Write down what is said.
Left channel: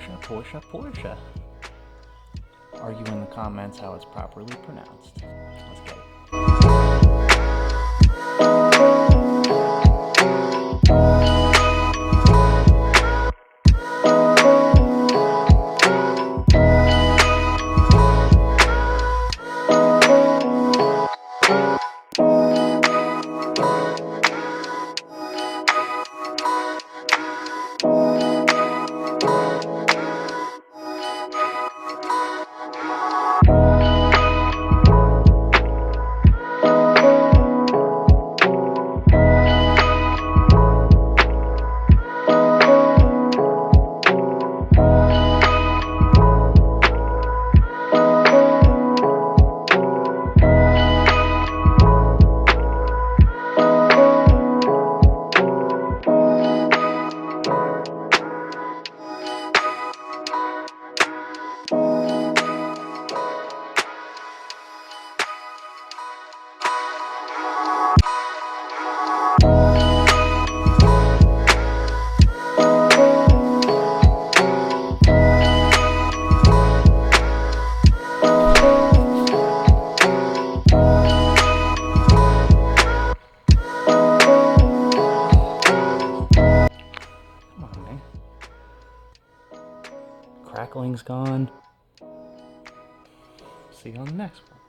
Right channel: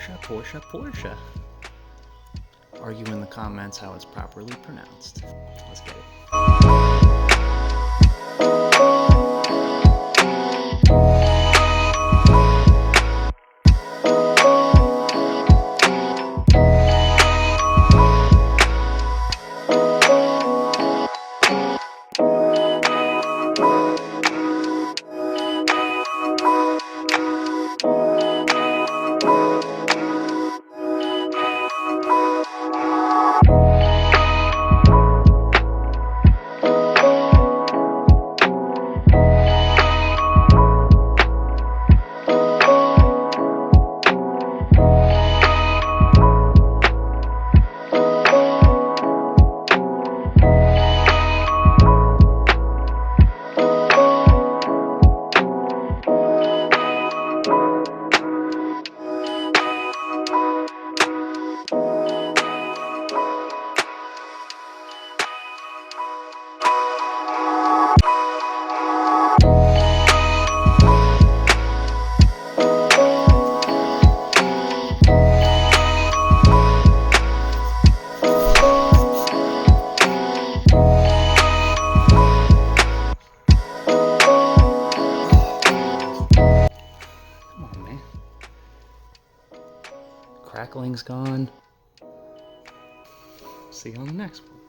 Porsche, Porsche, Porsche. Argue in the comments how it's properly pronounced. Let's get it. Come on, man. Crackling's gone. See you on the next one.